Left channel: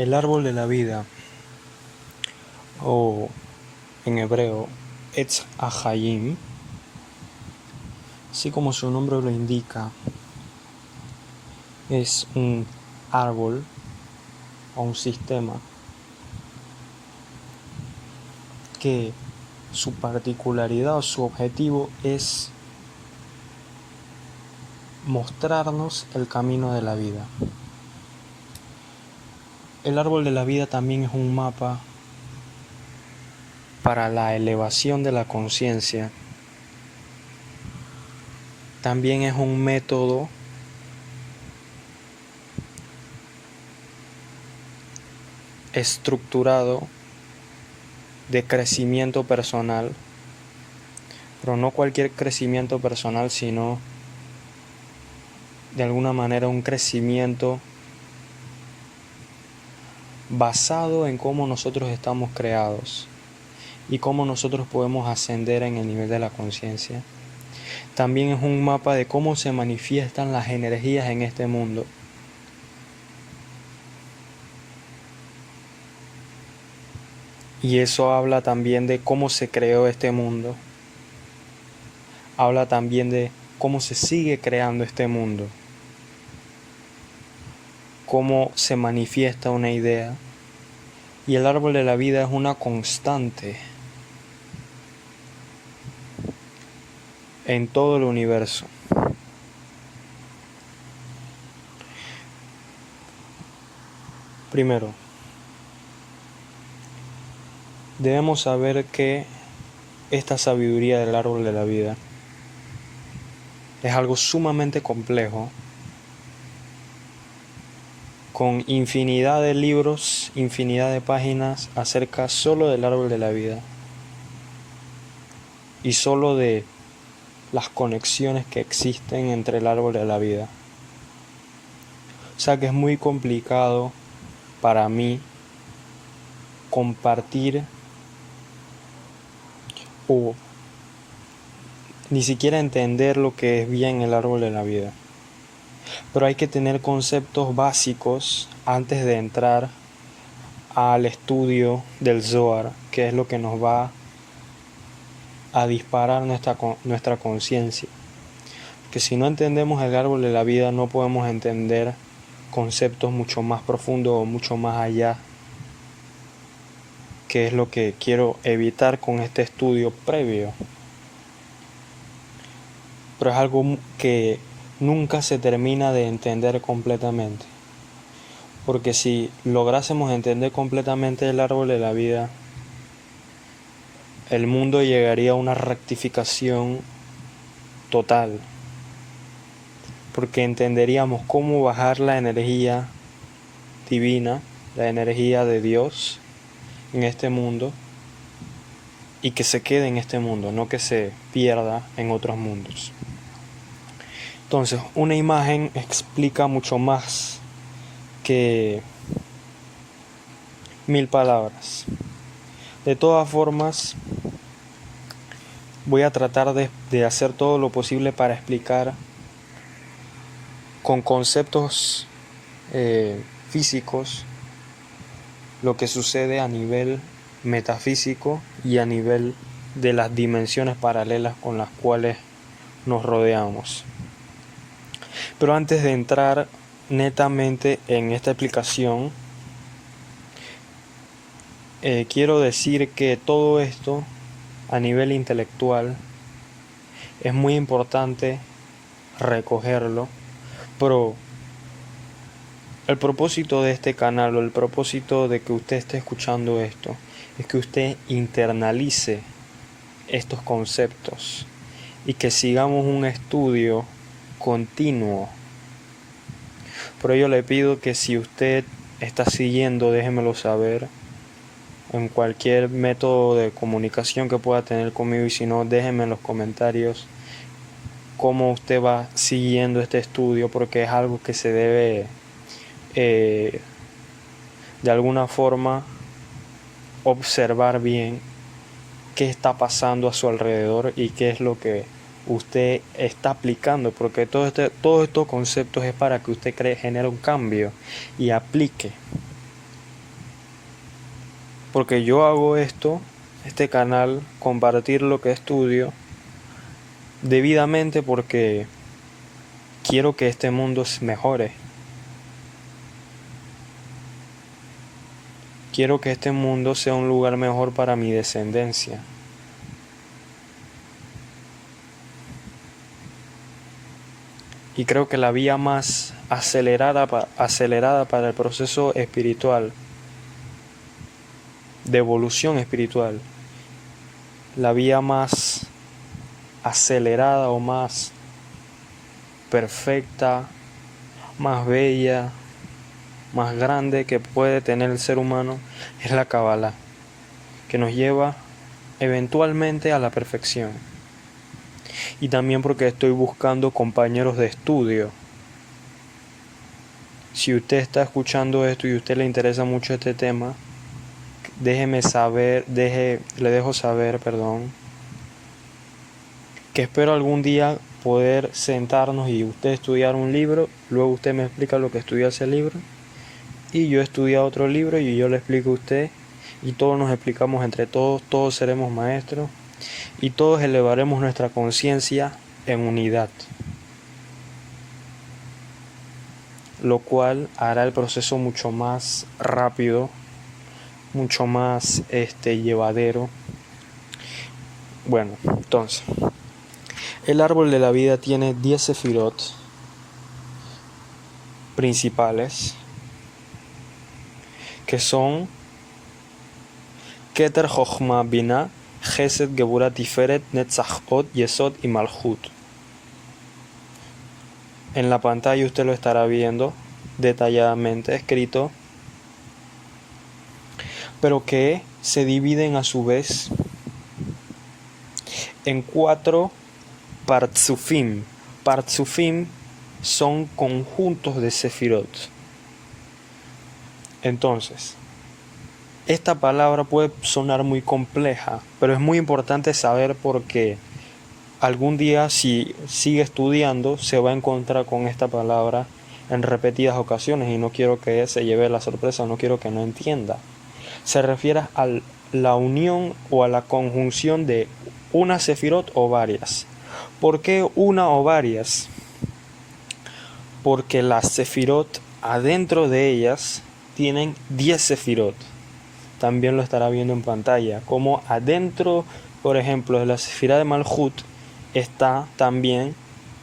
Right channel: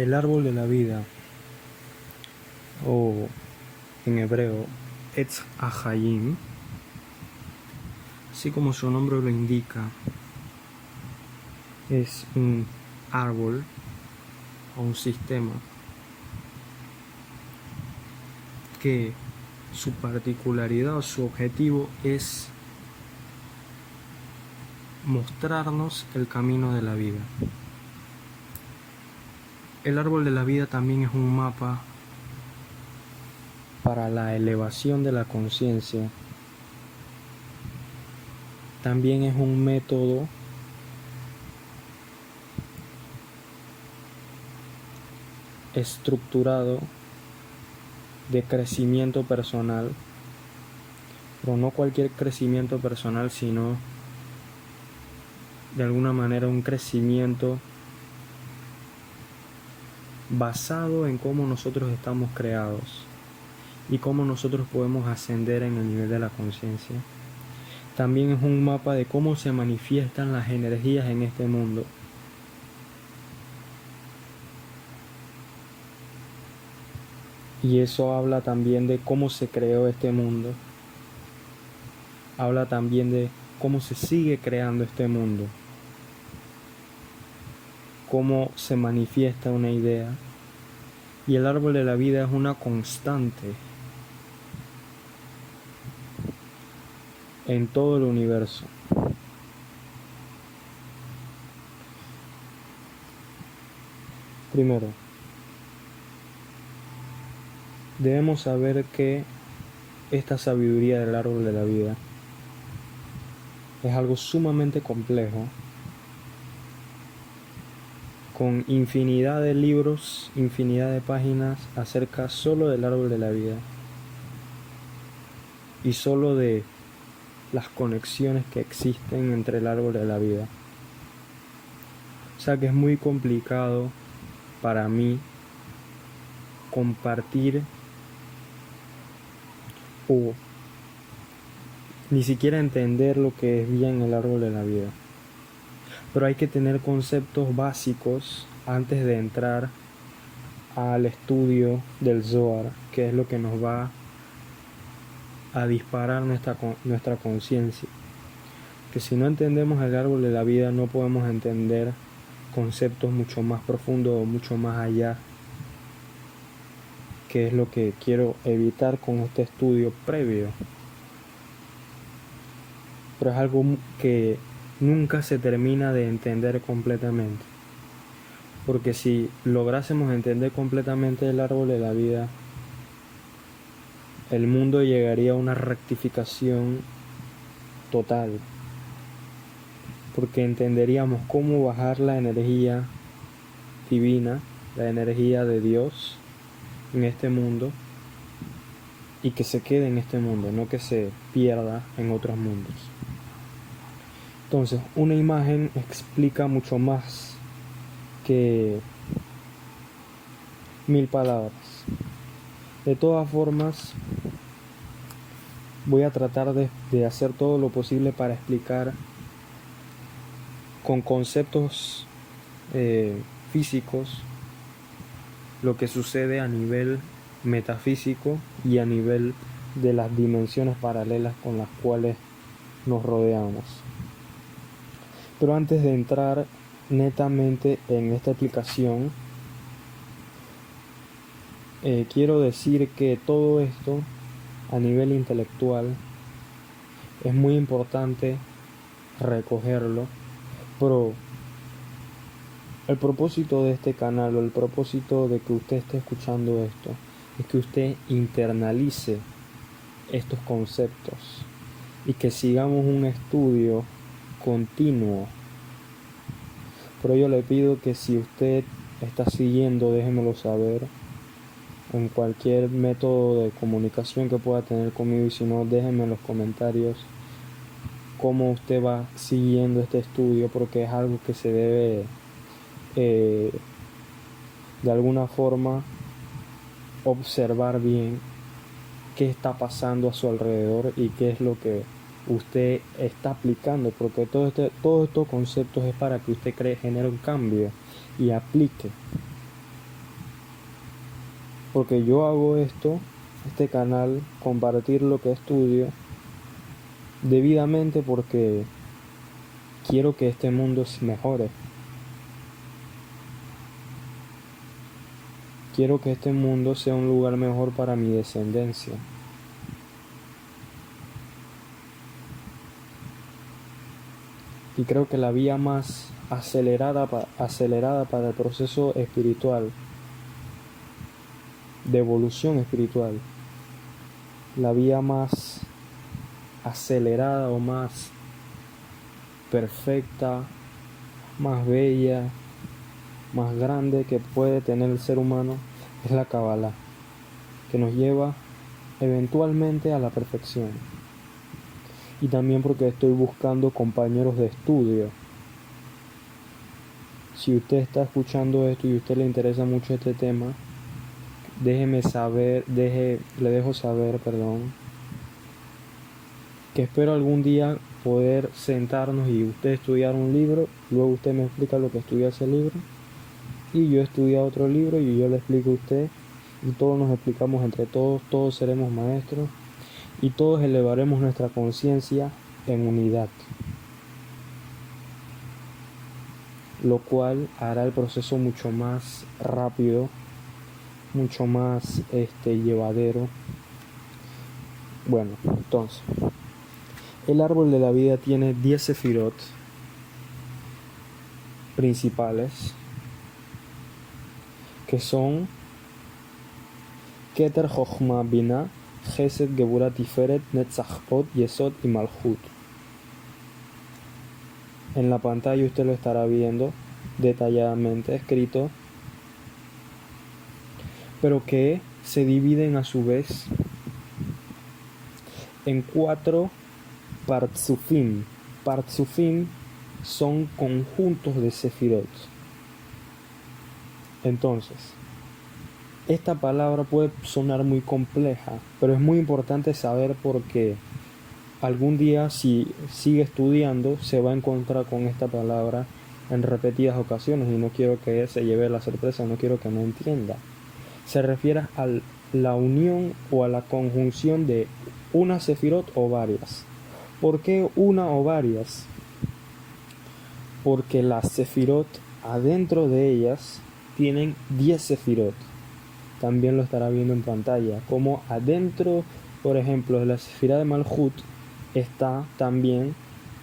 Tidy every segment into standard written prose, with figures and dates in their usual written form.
El árbol de la vida, o en hebreo, Etz HaChaim, así como su nombre lo indica, es un árbol o un sistema que su particularidad o su objetivo es mostrarnos el camino de la vida. El árbol de la vida también es un mapa para la elevación de la conciencia. También es un método estructurado de crecimiento personal, pero no cualquier crecimiento personal, sino de alguna manera un crecimiento basado en cómo nosotros estamos creados y cómo nosotros podemos ascender en el nivel de la conciencia. También es un mapa de cómo se manifiestan las energías en este mundo. Y eso habla también de cómo se creó este mundo. Habla también de cómo se sigue creando este mundo. Cómo se manifiesta una idea. Y el árbol de la vida es una constante en todo el universo. Primero, debemos saber que esta sabiduría del árbol de la vida es algo sumamente complejo, con infinidad de libros, infinidad de páginas acerca solo del árbol de la vida y solo de las conexiones que existen entre el árbol de la vida. O sea que es muy complicado para mí compartir o ni siquiera entender lo que es bien el árbol de la vida. Pero hay que tener conceptos básicos antes de entrar al estudio del Zohar, que es lo que nos va a disparar nuestra conciencia. Que si no entendemos el árbol de la vida, no podemos entender conceptos mucho más profundos o mucho más allá, que es lo que quiero evitar con este estudio previo. Pero es algo que nunca se termina de entender completamente. Porque si lográsemos entender completamente el árbol de la vida, el mundo llegaría a una rectificación total. Porque entenderíamos cómo bajar la energía divina, la energía de Dios en este mundo, y que se quede en este mundo, no que se pierda en otros mundos. Entonces, una imagen explica mucho más que 1000 palabras. De todas formas, voy a tratar de hacer todo lo posible para explicar con conceptos físicos lo que sucede a nivel metafísico y a nivel de las dimensiones paralelas con las cuales nos rodeamos. Pero antes de entrar netamente en esta explicación, quiero decir que todo esto a nivel intelectual es muy importante recogerlo, pero el propósito de este canal o el propósito de que usted esté escuchando esto es que usted internalice estos conceptos y que sigamos un estudio continuo. Por ello le pido que si usted está siguiendo, déjemelo saber en cualquier método de comunicación que pueda tener conmigo, y si no, déjeme en los comentarios cómo usted va siguiendo este estudio, porque es algo que se debe de alguna forma observar bien qué está pasando a su alrededor y qué es lo que usted está aplicando, porque todos estos conceptos es para que usted genere un cambio y aplique. Porque yo hago esto, este canal, compartir lo que estudio, debidamente porque quiero que este mundo mejore. Quiero que este mundo sea un lugar mejor para mi descendencia. Y creo que la vía más acelerada para el proceso espiritual, de evolución espiritual, la vía más acelerada o más perfecta, más bella, más grande que puede tener el ser humano es la Kabbalah, que nos lleva eventualmente a la perfección. Y también porque estoy buscando compañeros de estudio. Si usted está escuchando esto y a usted le interesa mucho este tema, le dejo saber, que espero algún día poder sentarnos y usted estudiar un libro, luego usted me explica lo que estudia ese libro, y yo estudio otro libro y yo le explico a usted, y todos nos explicamos entre todos, todos seremos maestros, y todos elevaremos nuestra conciencia en unidad, lo cual hará el proceso mucho más rápido, mucho más llevadero. Bueno, entonces, el árbol de la vida tiene 10 sefirot principales, que son Keter, Chochma, Binah, Chesed, Geburah, Tiferet, Netzach, Od, Yesod y Malchut. En la pantalla usted lo estará viendo detalladamente escrito, pero que se dividen a su vez en 4 partzufim. Partzufim son conjuntos de sefirot. Entonces, esta palabra puede sonar muy compleja, pero es muy importante saber porque algún día, si sigue estudiando, se va a encontrar con esta palabra en repetidas ocasiones y no quiero que se lleve la sorpresa, no quiero que no entienda. Se refiere a la unión o a la conjunción de una sefirot o varias. ¿Por qué una o varias? Porque las sefirot, adentro de ellas, tienen 10 sefirot. También lo estará viendo en pantalla. Como adentro, por ejemplo, de la sefirá de Malchut, está también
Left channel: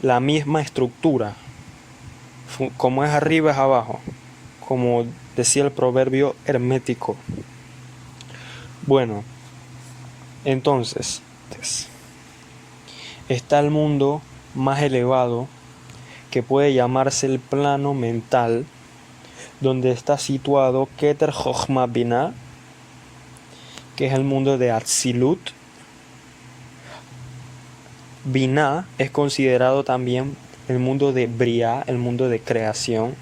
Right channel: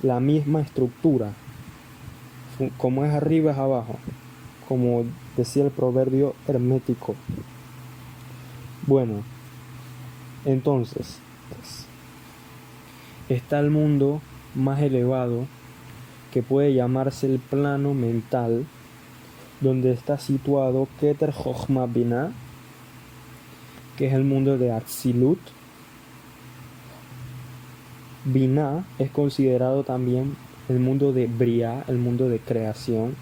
la misma estructura. Como es arriba es abajo, como decía el proverbio hermético. Bueno, entonces está el mundo más elevado, que puede llamarse el plano mental, donde está situado Keter, Chochma, Binah, que es el mundo de Atzilut. Binah es considerado también el mundo de Briah, el mundo de creación.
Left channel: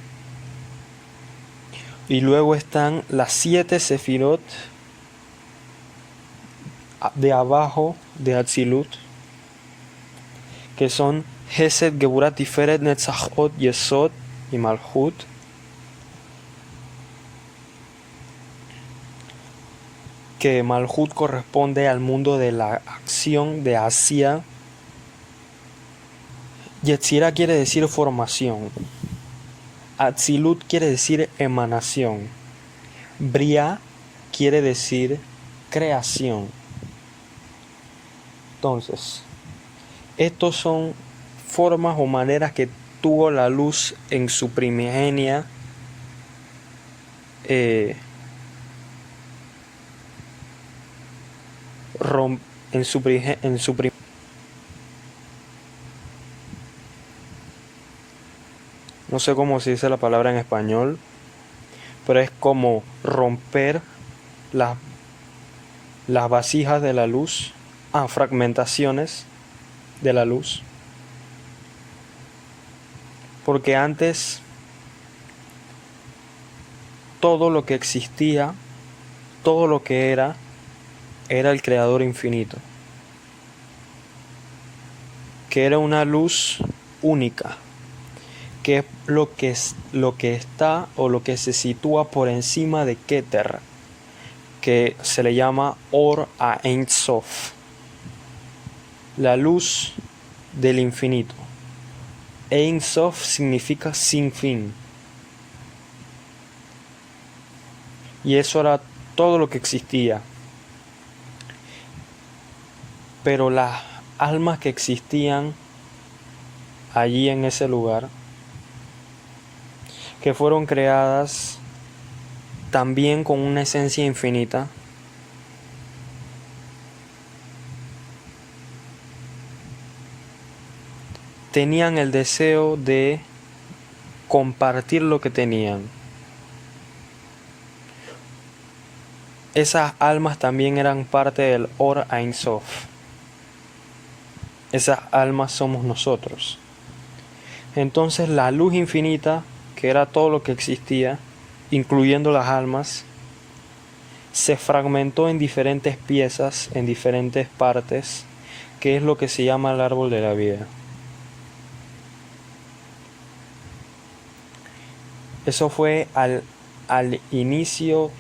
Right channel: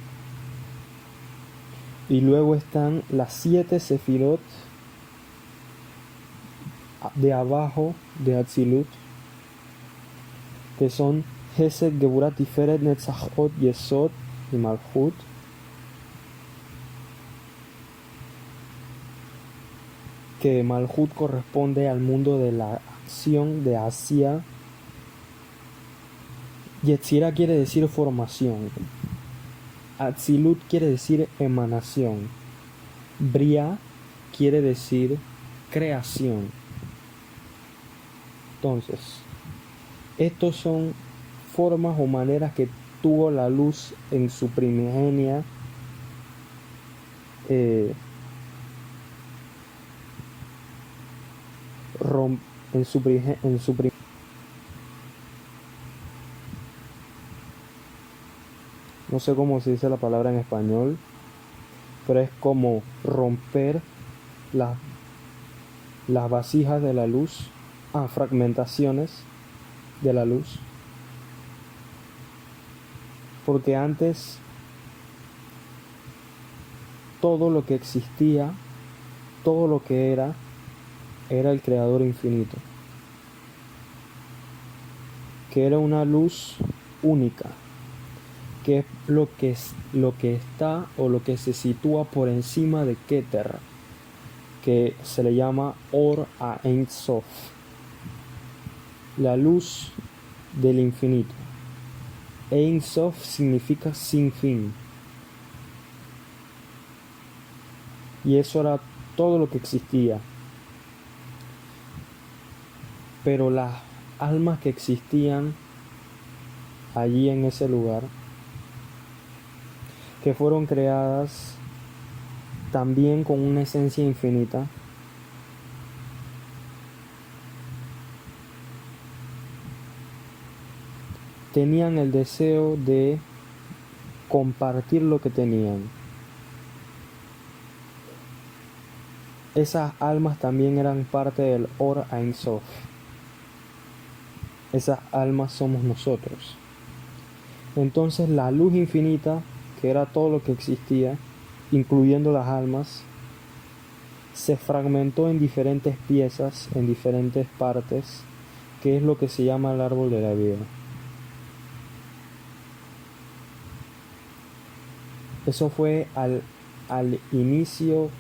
Y luego están las 7 sefirot de abajo de Atzilut, que son Hesed, Geburah, Tiferet, Netzach, Od, Yesod y Malchut. Que Malchut corresponde al mundo de la acción, de Asia. Yetzirah quiere decir formación. Atzilut quiere decir emanación. Briah quiere decir creación. Entonces, estos son formas o maneras que tuvo la luz en su primigenia no sé cómo se dice la palabra en español, pero es como romper las vasijas de la luz, fragmentaciones de la luz. Porque antes todo lo que existía, todo lo que era el creador infinito, que era una luz única, que es lo que está o lo que se sitúa por encima de Keter. que se le llama Or a Ein Sof, la luz del infinito. Ein Sof significa sin fin. Y eso era todo lo que existía. Pero las almas que existían allí en ese lugar, que fueron creadas también con una esencia infinita, tenían el deseo de compartir lo que tenían. Esas almas también eran parte del Or Ein Sof. Esas almas somos nosotros. Entonces la luz infinita, que era todo lo que existía, incluyendo las almas, se fragmentó en diferentes piezas, en diferentes partes, que es lo que se llama el árbol de la vida. Eso fue al inicio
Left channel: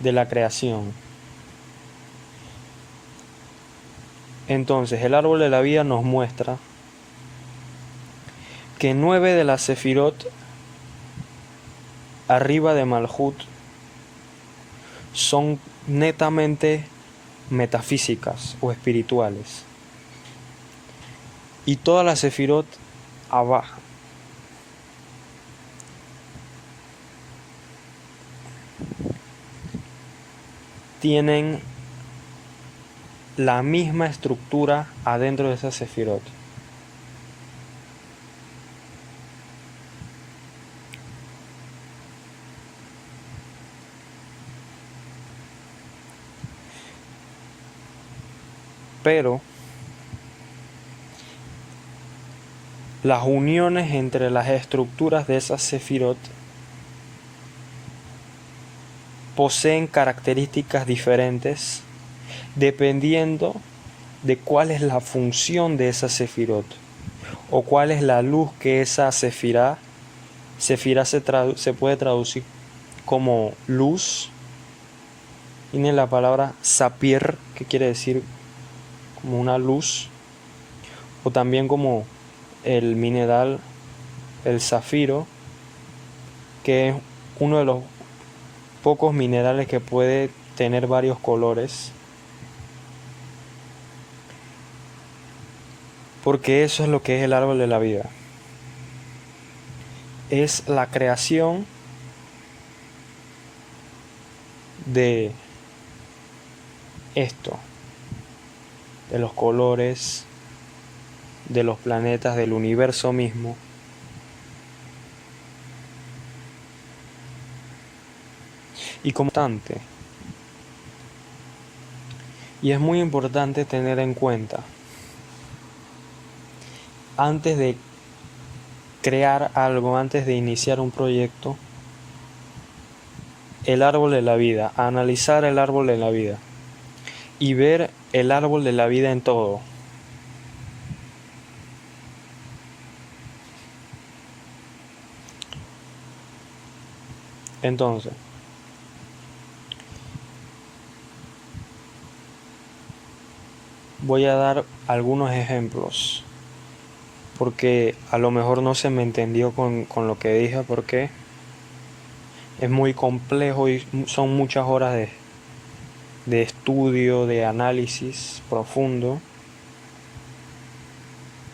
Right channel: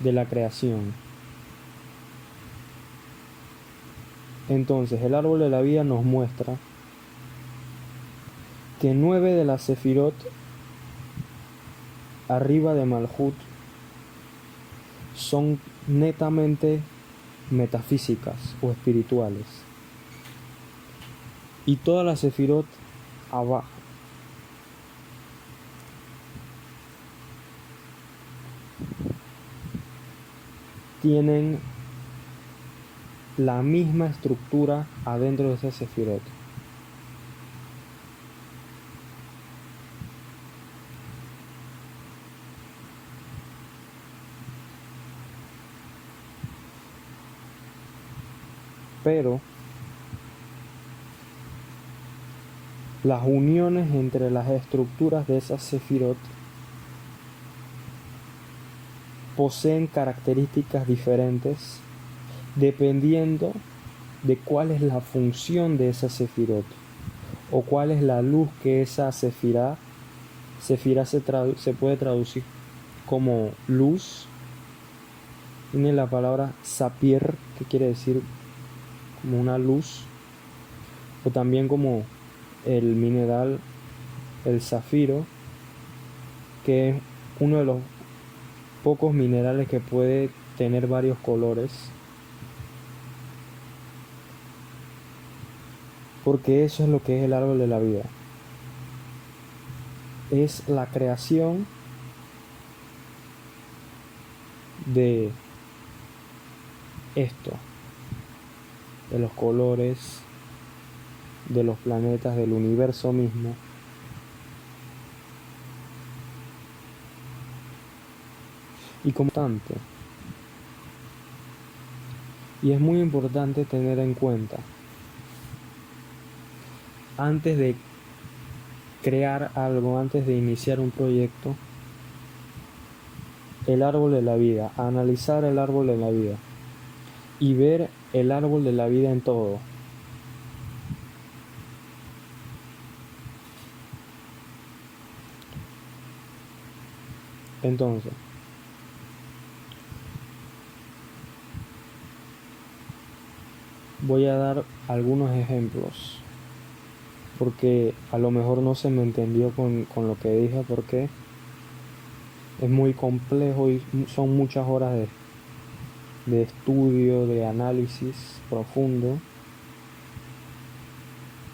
de la creación. Entonces el árbol de la vida nos muestra que 9 de las sefirot arriba de Malhut son netamente metafísicas o espirituales, y todas las sefirot abajo tienen la misma estructura adentro de esa sefirot. Pero las uniones entre las estructuras de esas sefirot poseen características diferentes dependiendo de cuál es la función de esa sefirot o cuál es la luz que esa sefirá se puede traducir como luz. Tiene la palabra sapir, que quiere decir como una luz, o también como el mineral, el zafiro, que es uno de los pocos minerales que puede tener varios colores, porque eso es lo que es el árbol de la vida. Es la creación de esto, de los colores, de los planetas, del universo mismo. Y como constante. Y es muy importante tener en cuenta, antes de crear algo, antes de iniciar un proyecto, el árbol de la vida, analizar el árbol de la vida y ver el árbol de la vida en todo. Entonces, voy a dar algunos ejemplos, porque a lo mejor no se me entendió con lo que dije, porque es muy complejo y son muchas horas de estudio, de análisis profundo,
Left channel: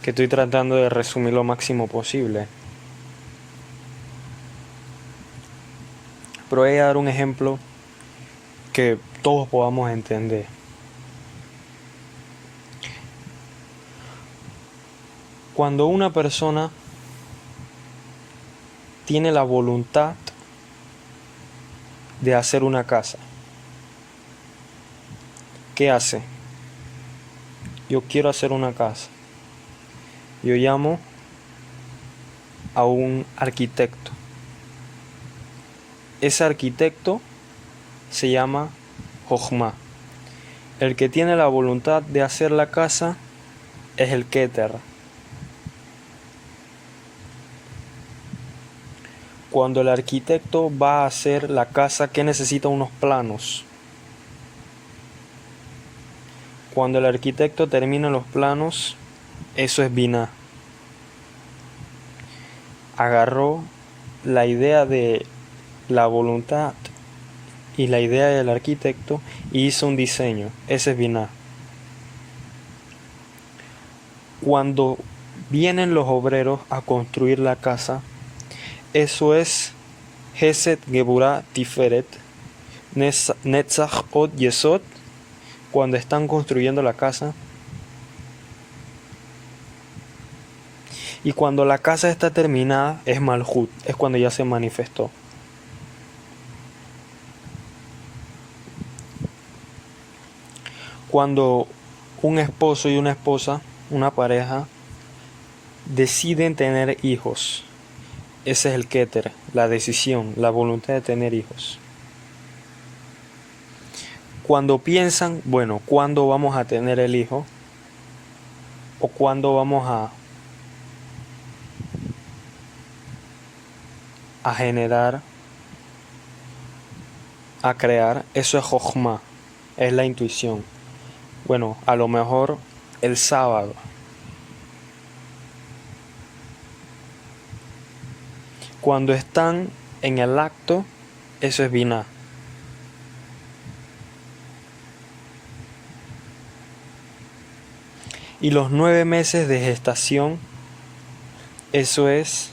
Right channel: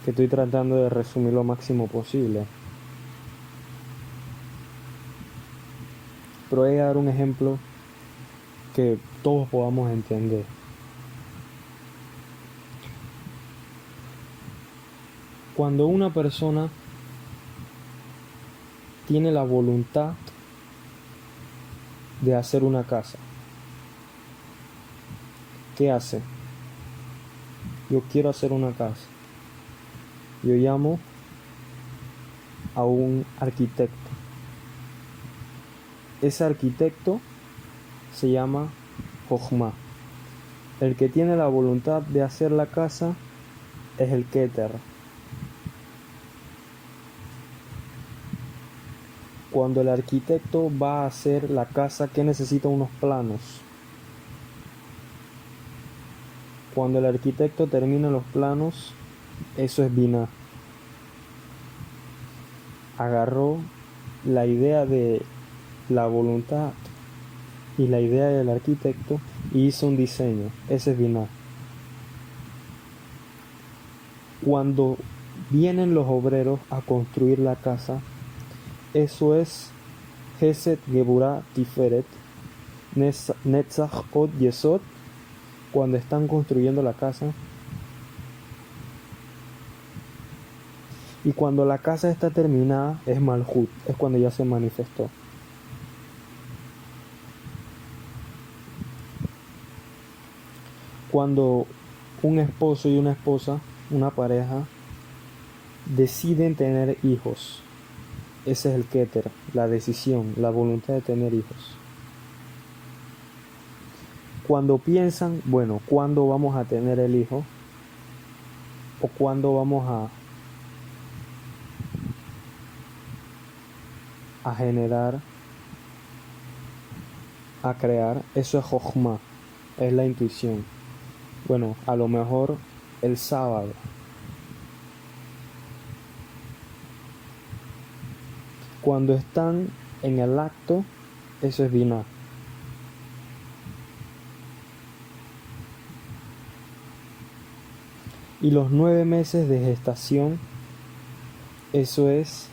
que estoy tratando de resumir lo máximo posible. Pero voy a dar un ejemplo que todos podamos entender. Cuando una persona tiene la voluntad de hacer una casa, ¿qué hace? Yo quiero hacer una casa. Yo llamo a un arquitecto. Ese arquitecto se llama Jochma. El que tiene la voluntad de hacer la casa es el Keter. Cuando el arquitecto va a hacer la casa, ¿qué necesita? Unos planos. Cuando el arquitecto termina los planos, eso es Binah. Agarró la idea de la voluntad y la idea del arquitecto y hizo un diseño. Ese es Binah. Cuando vienen los obreros a construir la casa, eso es Hesed, Geburah, Tiferet, Netzach, Od, Yesod. Cuando están construyendo la casa. Y cuando la casa está terminada, es Malhut, es cuando ya se manifestó. Cuando un esposo y una esposa, una pareja, deciden tener hijos, ese es el Keter, la decisión, la voluntad de tener hijos. Cuando piensan, bueno, ¿cuándo vamos a tener el hijo? ¿O cuándo vamos a generar, a crear? Eso es Jochma, es la intuición. Bueno, a lo mejor el sábado. Cuando están en el acto, eso es Binah. Y los 9 meses de gestación, eso es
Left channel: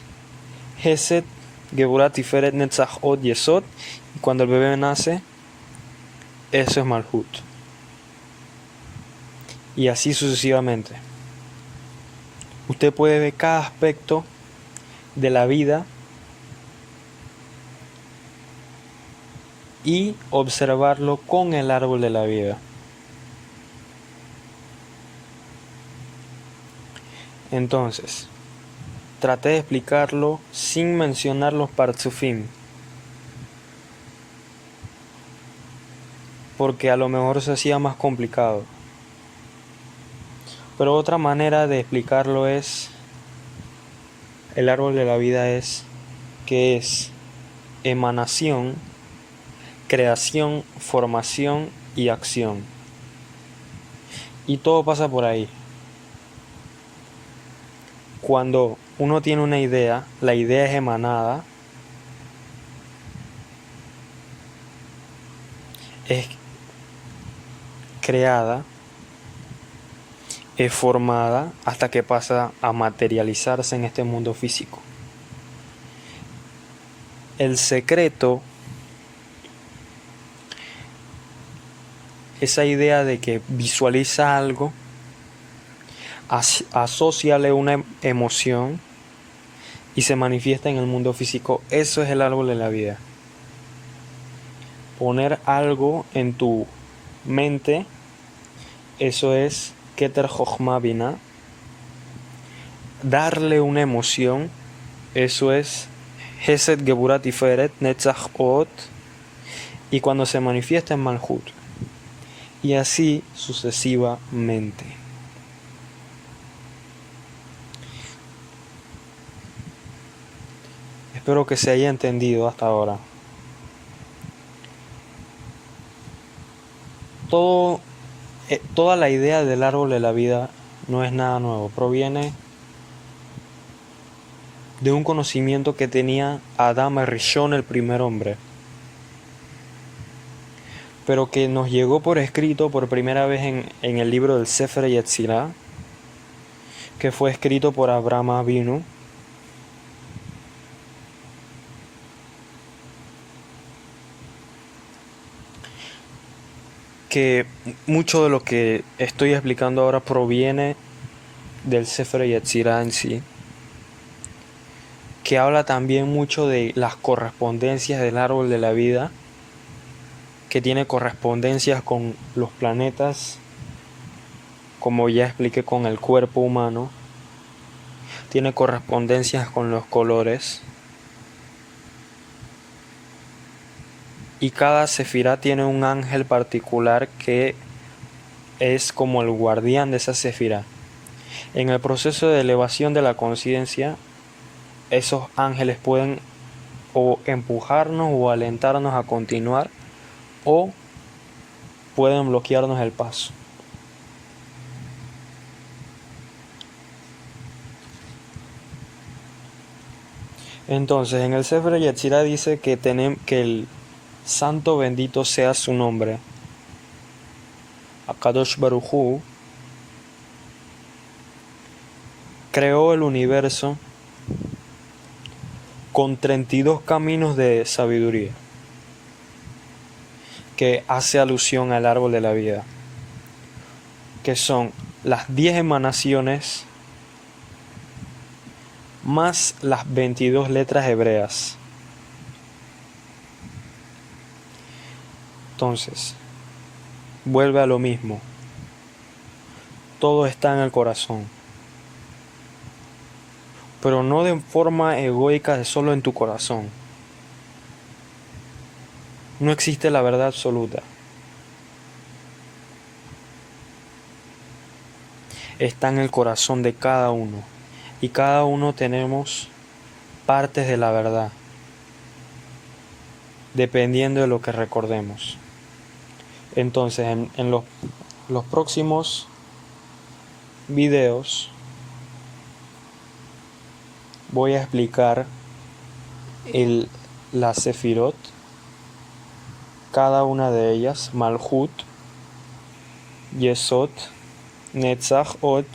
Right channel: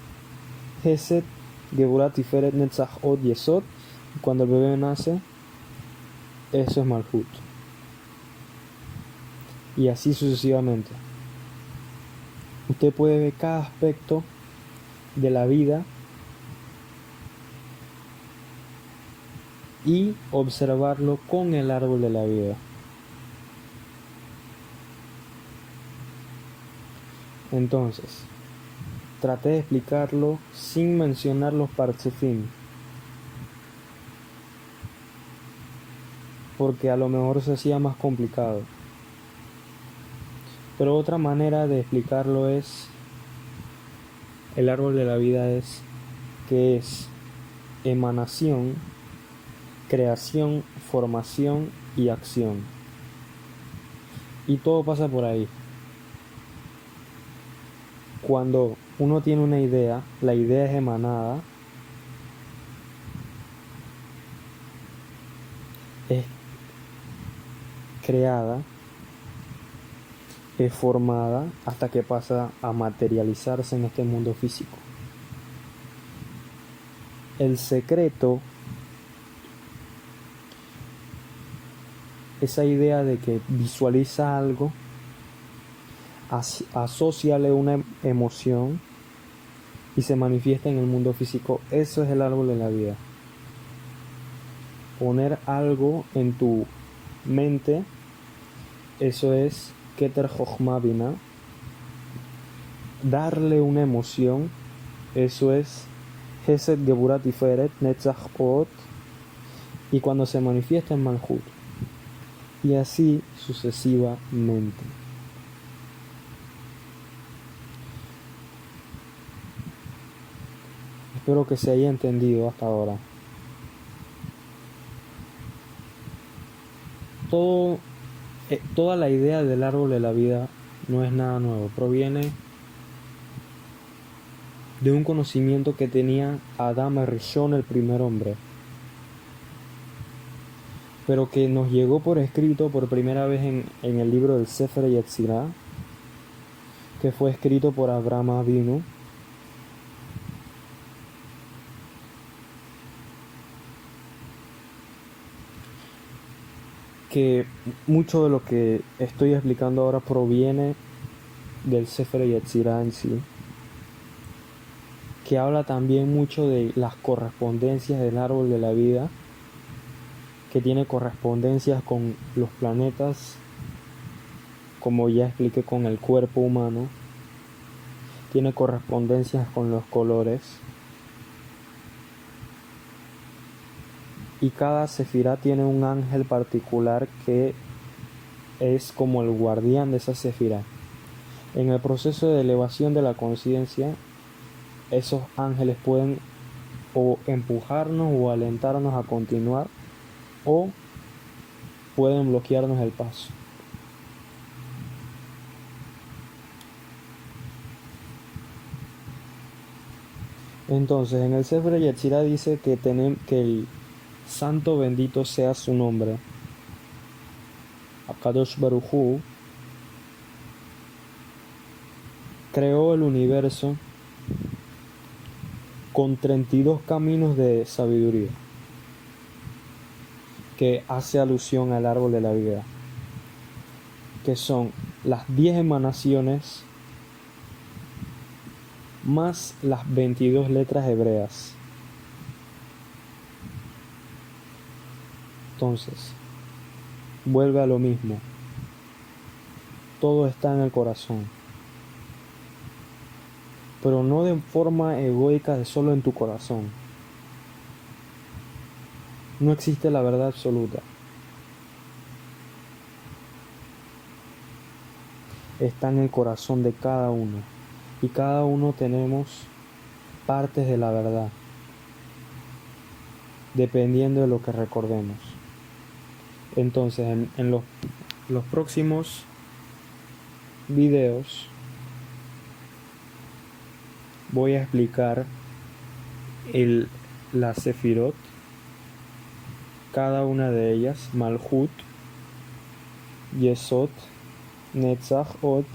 Hesed, Geburah, Tiferet, Netzach, Od, Yesod. Y cuando el bebé nace, eso es Malhut. Y así sucesivamente. Usted puede ver cada aspecto de la vida y observarlo con el árbol de la vida. Entonces, traté de explicarlo sin mencionar los partzufim, porque a lo mejor se hacía más complicado. Pero otra manera de explicarlo es, el árbol de la vida es que es emanación, creación, formación y acción. Y todo pasa por ahí. Cuando uno tiene una idea, la idea es emanada, es creada, es formada hasta que pasa a materializarse en este mundo físico. El secreto, esa idea de que visualiza algo, asóciale una emoción y se manifiesta en el mundo físico. Eso es el árbol de la vida. Poner algo en tu mente, eso es Keter Jochma Binah. Darle una emoción, eso es Hesed, Geburah, Tiferet, Netzach, Od. Y cuando se manifiesta en Malhut. Y así sucesivamente. Espero que se haya entendido hasta ahora. Toda la idea del árbol de la vida no es nada nuevo. Proviene de un conocimiento que tenía Adam Rishon, el primer hombre, pero que nos llegó por escrito por primera vez en el libro del Sefer Yetzirah, que fue escrito por Abraham Avinu. Que mucho de lo que estoy explicando ahora proviene del Sefer Yetzirah en sí, que habla también mucho de las correspondencias del árbol de la vida, que tiene correspondencias con los planetas, como ya expliqué, con el cuerpo humano, tiene correspondencias con los colores, y cada sefirá tiene un ángel particular que es como el guardián de esa sefirá. En el proceso de elevación de la conciencia, esos ángeles pueden o empujarnos o alentarnos a continuar, o pueden bloquearnos el paso. Entonces, en el Sefer Yetzirah dice que el santo bendito sea su nombre. Akadosh Baruj Hu creó el universo con 32 caminos de sabiduría, que hace alusión al árbol de la vida, que son las 10 emanaciones más las 22 letras hebreas. Entonces, vuelve a lo mismo. Todo está en el corazón, pero no de forma egoica de solo en tu corazón. No existe la verdad absoluta. Está en el corazón de cada uno, y cada uno tenemos partes de la verdad, dependiendo de lo que recordemos. Entonces, en los próximos videos voy a explicar las Sefirot, cada una de ellas: Malhut, Yesod, Netzach, Od,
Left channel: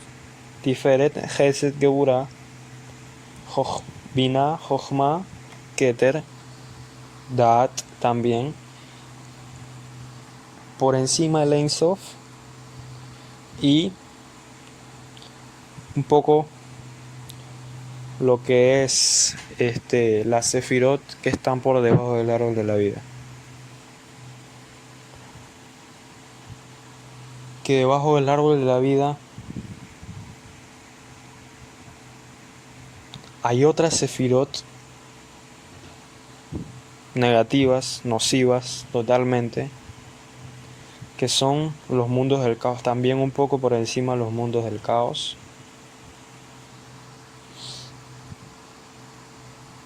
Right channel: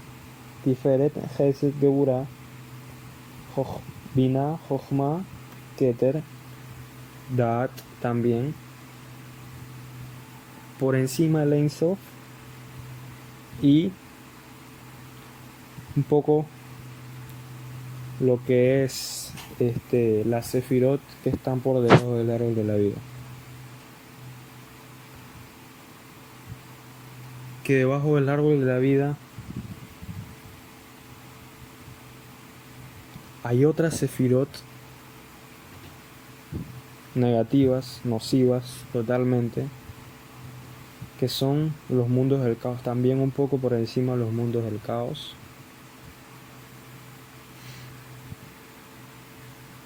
Tiferet, Chesed, Geburah, Binah, Jochma, Keter, Daat también. Por encima el Ein Sof, y un poco lo que es las Sefirot que están por debajo del árbol de la vida. Que debajo del árbol de la vida hay otras Sefirot negativas, nocivas totalmente, que son los mundos del caos, también un poco por encima de los mundos del caos.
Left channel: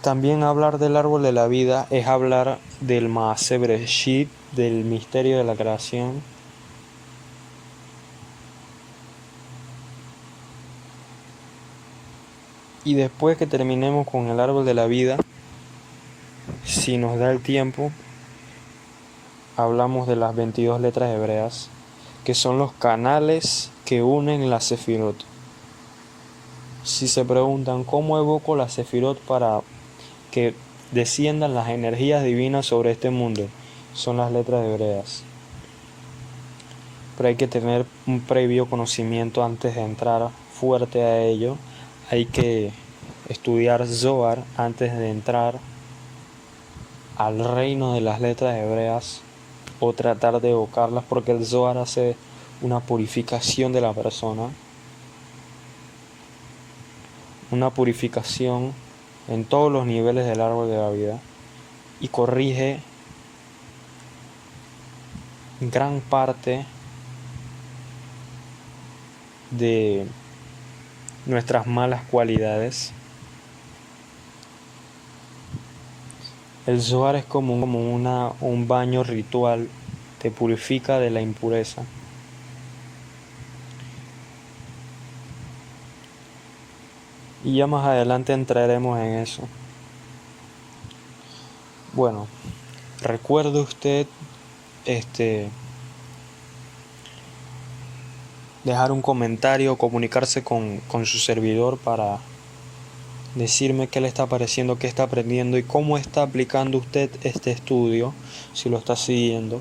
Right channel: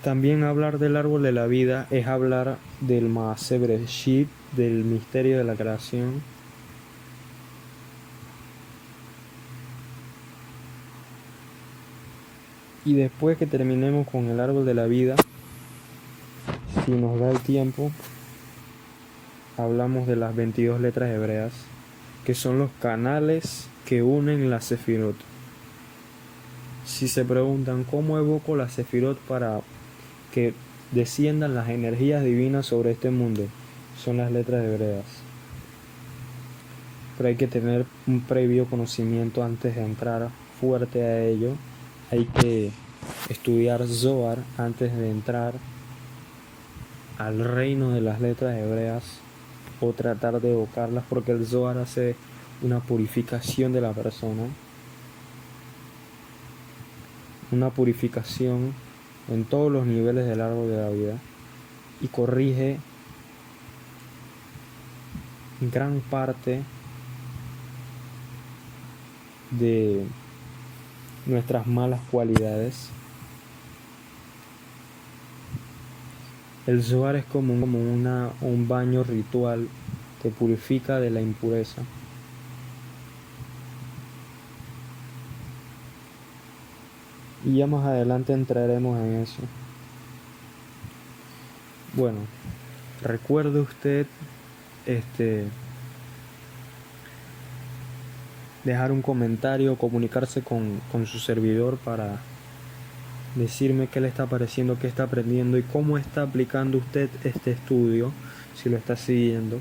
También hablar del árbol de la vida es hablar del Maaseh Bereshit, del misterio de la creación. Y después que terminemos con el árbol de la vida, si nos da el tiempo, hablamos de las 22 letras hebreas, que son los canales que unen las Sefirot. Si se preguntan cómo evoco las Sefirot para que desciendan las energías divinas sobre este mundo, son las letras hebreas. Pero hay que tener un previo conocimiento antes de entrar fuerte a ello. Hay que estudiar Zohar antes de entrar al reino de las letras hebreas, o tratar de evocarlas, porque el Zohar hace una purificación de la persona, una purificación en todos los niveles del árbol de la vida, y corrige gran parte de nuestras malas cualidades. El Zohar es como un baño ritual, te purifica de la impureza. Y ya más adelante entraremos en eso. Bueno, recuerde usted dejar un comentario, comunicarse con su servidor para decirme qué le está pareciendo, qué está aprendiendo y cómo está aplicando usted este estudio, si lo está siguiendo.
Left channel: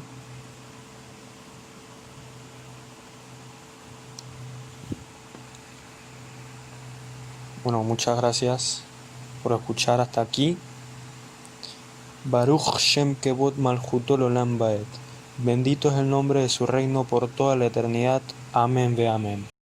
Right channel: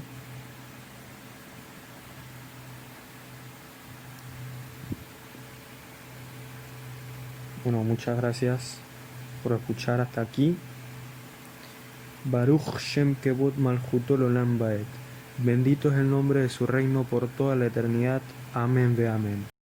Bueno, muchas gracias por escuchar hasta aquí. Baruch Shem Kevod Malchuto Olam Baed. Bendito es el nombre de su reino por toda la eternidad. Amén ve amén.